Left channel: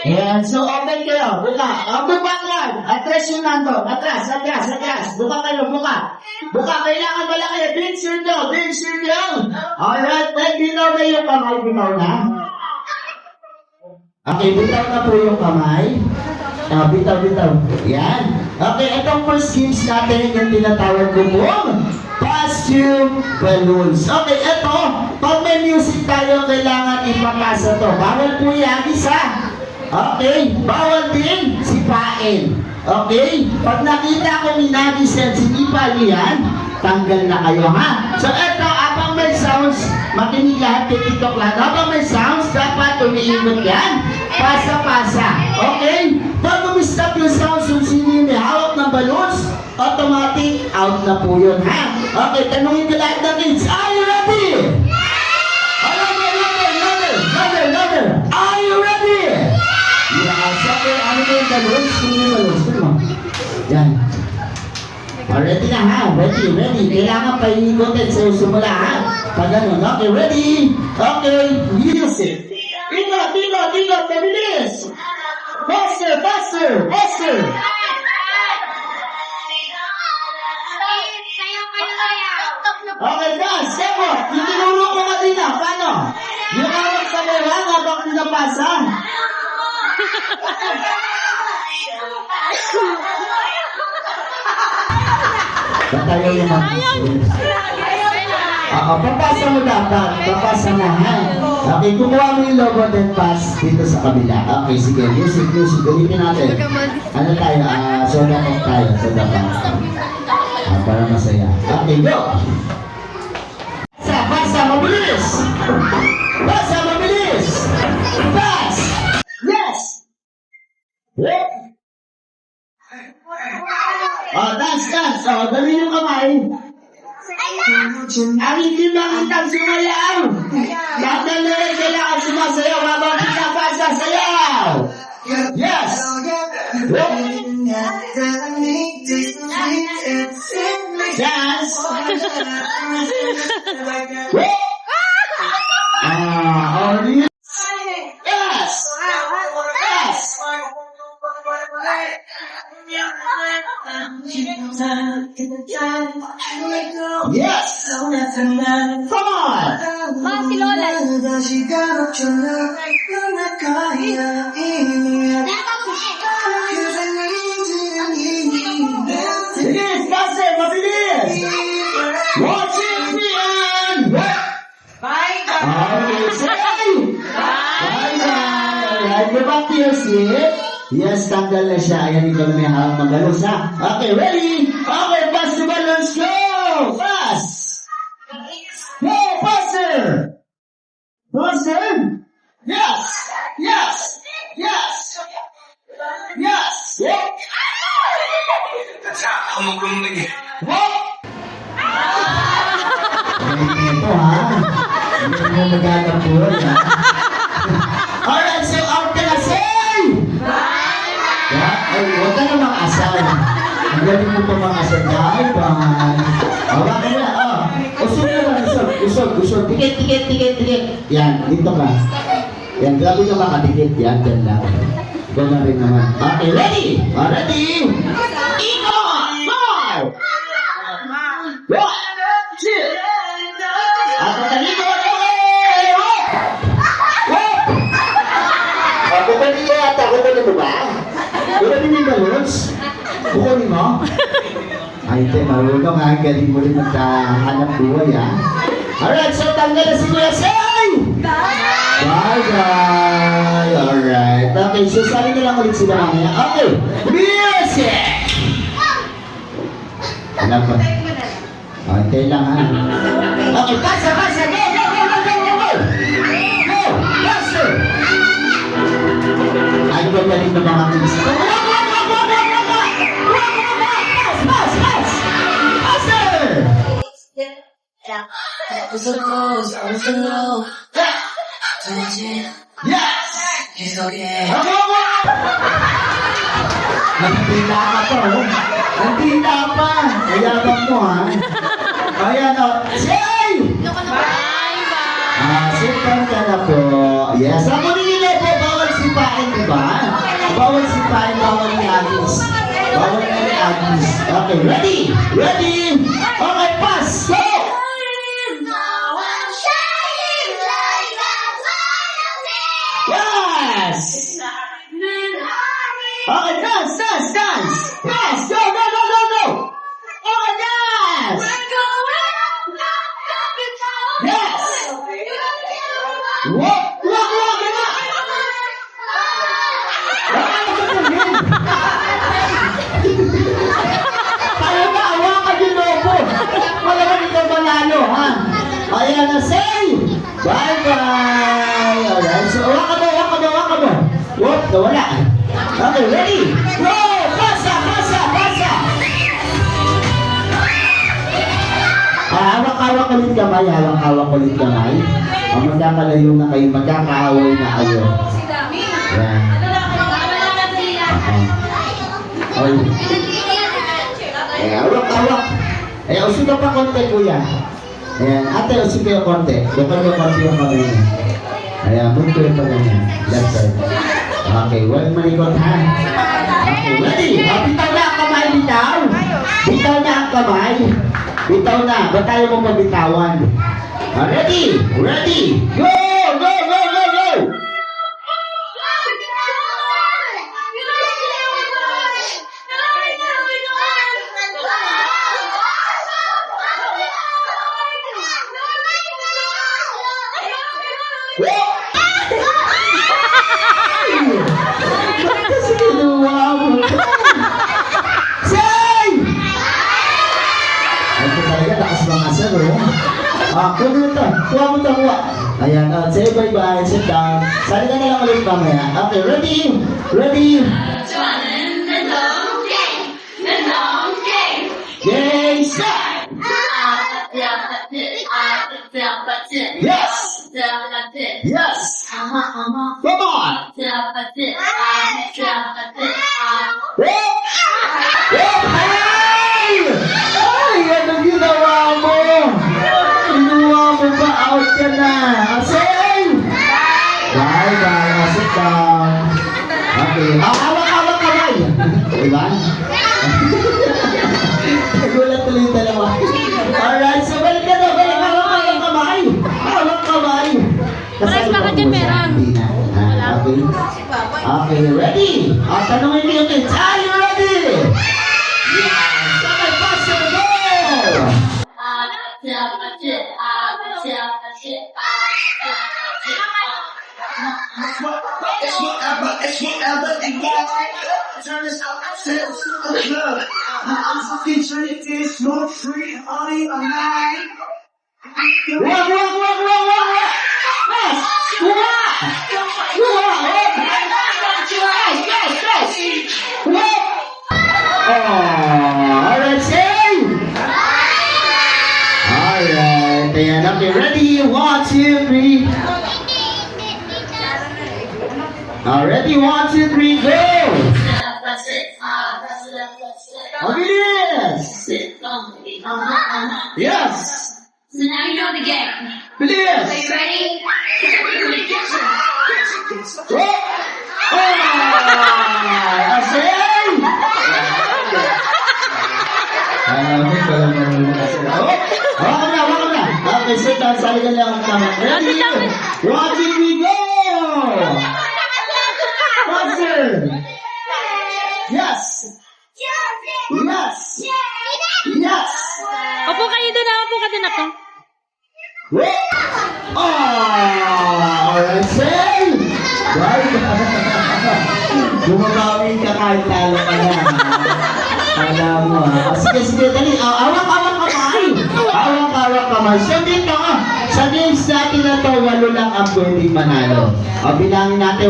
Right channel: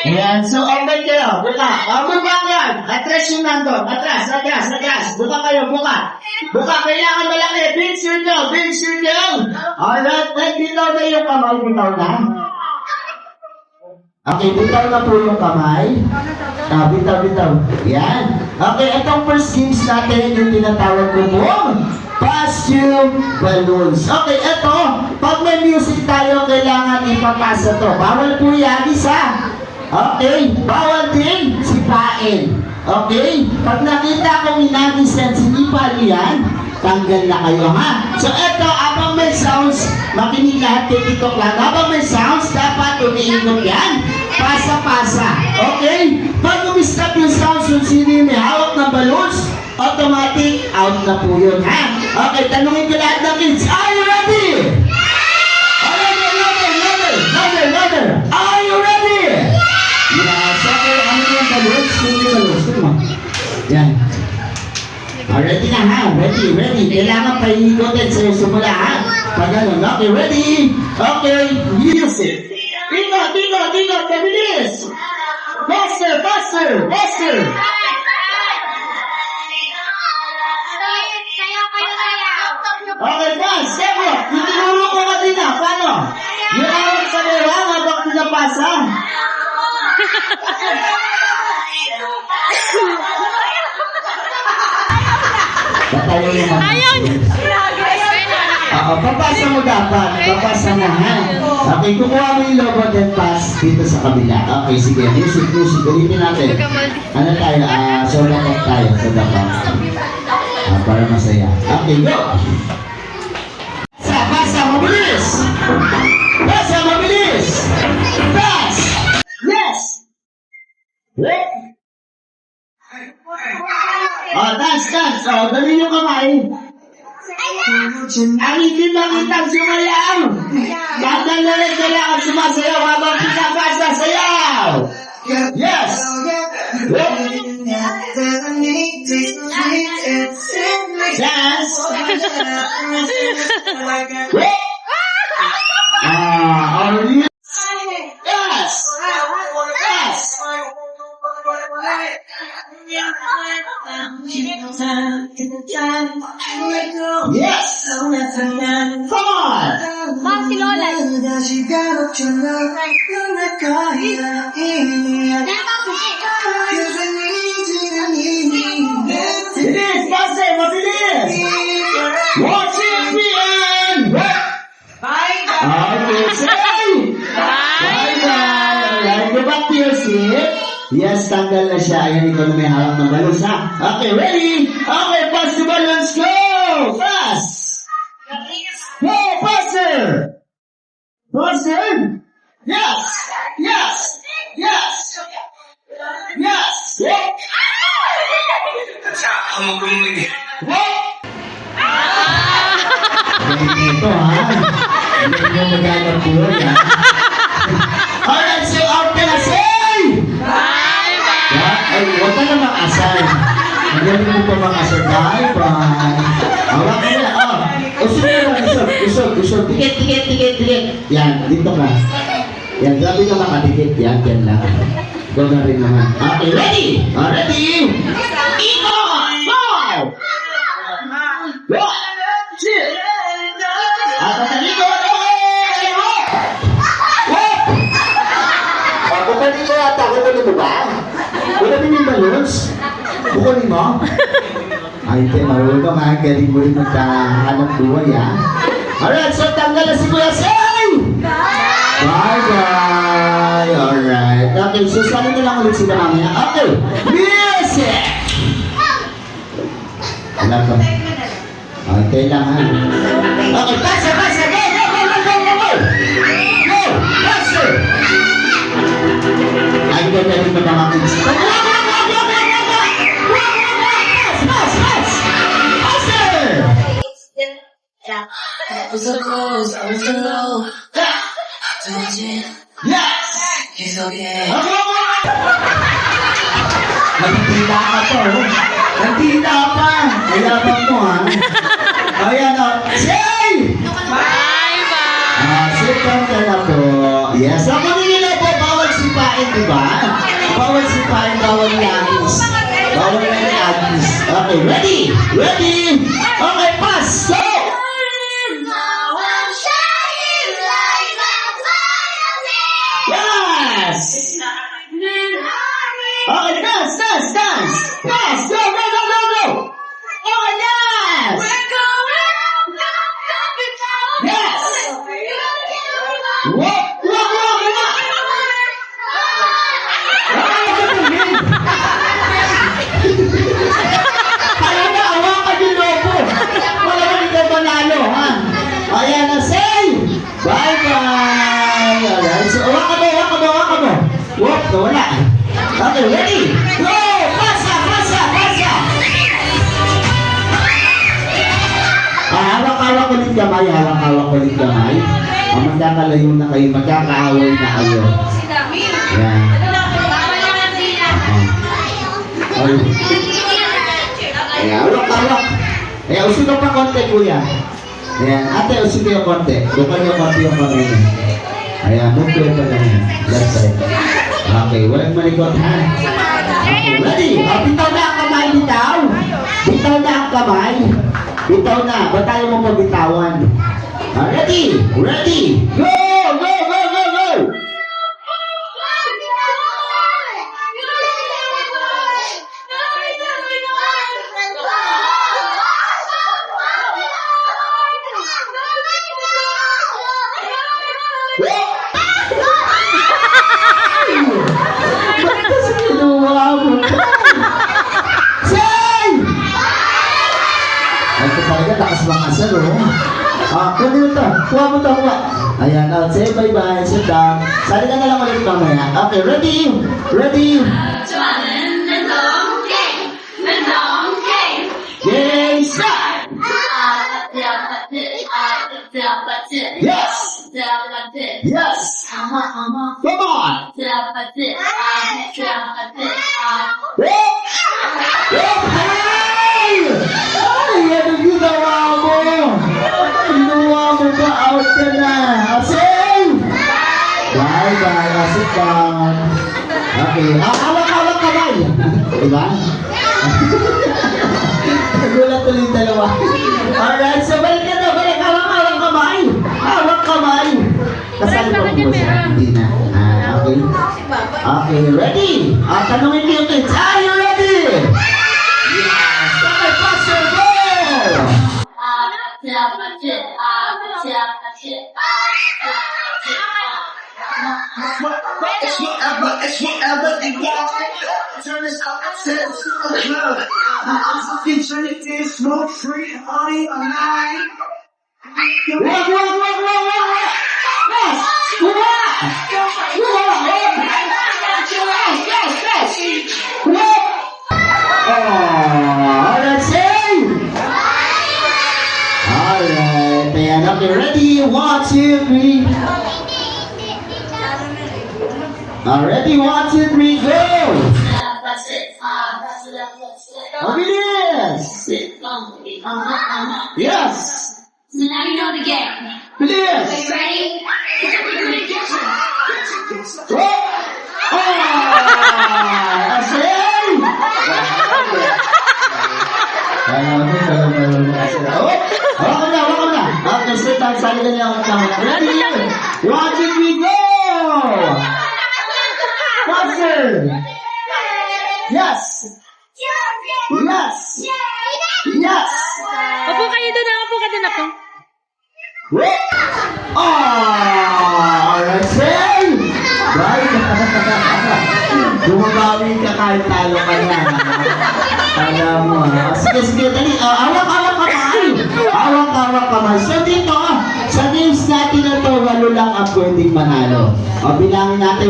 Ayan, so open kayo, buka. Buka yan. Atras yung nandun. Atras. Buka kayo, buka. Buka, kailangan malaki. Big circle. Alright, bitaw ba yung kamay? Bitaw na? Okay, bitaw na po yung kamay. Bitaw. Yan. Okay, itong first games natin, yung tinatawag ko po, costume balloons. Okay, ito, pag may music tayo, kailangan ipapasa to. Bawal po yan, isa. Okay, bawal din sipain. Okay, pag nakita ko minagis yan, sinipa yan, tanggal na kayo, ha? So, ito, abang may sounds, makinig lahat kay TikTok lahat. Abang may sounds, dapat umiikot yan. Pasa-pasa. Okay? Pag umistop yung sounds, yung sino yung may hawak ng balloons, automatic, out na po yun, ha? Okay, tanungin ko lahat ng kids. Are you ready? Another. Are you ready? Yes, okay. Ano po yung balloons? Sino yung balloons? Sino mo? Yan. Ready na, ha? Ready. Kailangan paikutin sa sumula, ha? Pag ganun. Okay, ready? Okay, music. Dito, pabilis! Faster! Okay, fast! Step up! Tinuro ko kanina, paano? Yung awag sa meron habang pinapasa. Batayo yung mga... papasa mo dapat. Papasa mo, ha? Okay, kukuha mo yung logo then pass dito sa kabila. Okay, sige. Music. Ulitin natin. Ano tayo? Soda pop tayo. Soda pop. Para masaya. Okay, go! Pasa, mabilis! Pass! Yes! Dance. Dali yung kamay. Ang hindi lang itang sumayaw. Lahat na rin kailangan sumasayaw habang pinapasa sayaw. Yes! Dance! Yes! Come on! Si Lola. Bilis! Faster! Mabilis! Watch it be and work! Okay, say! Bye-bye! Right, go back to your seat. Yes, tanggal na siya. Ayan, ikaw na may harap ng balloons, ha? Okay, ready? Okay, pass the balloons. Go! Fast! Go, faster! Yes! What? Ito, ha? Hindi mo maghanap po, ha? Alright, so out ka na, say! Ay, huwag ka na makasal. Magaling mo pa makasal. Bye-bye. Hawak ka na, usog. Tikit. Yan, dito ka. Yan, grabe ka makadikit. Yan, dyan lang. Go na rin naman. Okay, ready? Ready? Iko! Go! 1, 2! At tatalikod! Kukunin mo ata. Kukunin mo ba? Kukunin yung balloons? Kukunin mo? Ay, marunong ha. Galing mo rin magkahanap buhay, ha? Alright, so tanggal na si Kuya Say! Bye-bye! Alright. Okay, so sali na lang ulit sila mamaya. Okay, music! Wala pa. Okay lang, ha? Okay, pasa! Go! Go! Pasa! Ay, galing mo mga kids. Yes! It's okay. Magpipila ka po. Nandila pa. Mayabang mo, ha? Ayan, o. Say! Bye-bye! Sipon ka na po. Yes, ako nila po, bawal sipain, di ba? Bawal sipain, bawal lagis. Bawal na lagis. Okay, ready? Ready? Okay, pass! Go! Yes! Okay, dance, dance, dance! Dance! Go, go, go, go, go! Okay, dance! Yes! Walk, walk, walk, walk! Kaya na, hawakan yung lobo. Malamang ikaw manalo, ha? Ayan na, say! Bye-bye! Ayan, so, hawakan mo, hawakan mo, hawakan mo. Whoop, nawala. Okay, ready? Go! Pasa, pasa, pasa! Hawak-hawak ulit kamay, hawak-hawak ulit kamay. Magkakalayo na kayo, magkakaaway na kayo. Ayan. Ay. Ayan, hawak-hawak. Ayan, usog ka pa konti, kuya. Ayan, ate, usog kayo konti. Bukal yung konti yung kamay niya. Ayan, move kayo pa ganyan. Left side. Okay, walang malikot, ha? Okay, ready? Bitaw na ang kamay, bitaw. Bitaw na ang kamay. Bitaw na. Ba't tayo mo mabitawan? Ready? Ready? Go! Go! Go! Go! Go! Ba't kasi kinuha mo? Say! Ay, ito talaga, lakas mga asal, oh. Kuha mo ito. Kuha mo ito, kuha. Ayan, say bye-bye, sit down. Sali ka na lang ulit mamaya. Okay, ready? Ready? Game, start! Yes! Yes! Come on! Whoop! Whoop! Hey! Ay, ano ginawa mo? Ginawa mo ba? Out ka na. Asay! Bye-bye. Sit down. Okay. Hawak-hawak kamay. Diba? Nagulat tuloy yung dalawa. Alright, so balik ka na. Balik. Hawak-hawak kamay. Hawak kamay. Kasali ko po siya. Hindi na. Okay. Okay, ready? Tanungin niyo yung kids. Are you ready? Yes! Okay, Pastor, go! It's whatever they want. Turn this up to the club. I'm fucking drinking, smoke free, honey, I'm high. Wag! Yes! Kuha! Yes! Wag! Alright, say! Alright, and okay, ready? 1, 2, 3. Ready? 1, 2, 3, go! Yes! Yes! So now you know the game. Yes! Are you ready? Okay, sit down. Sali ka lang ang ready? 1, 2, 3, go! Monster! Yes! Yes! Yes! Opo kayo doon, opo ka doon ako. Alright, say! Right? Bumabawi ka kahit talo ka na. Alam mo, ha? Sige, dali. Awak-awak kamay. Awak-awak kamay. So dito, sa games natin na to, 8 lang ang pwedeng manalo. Bilangin natin.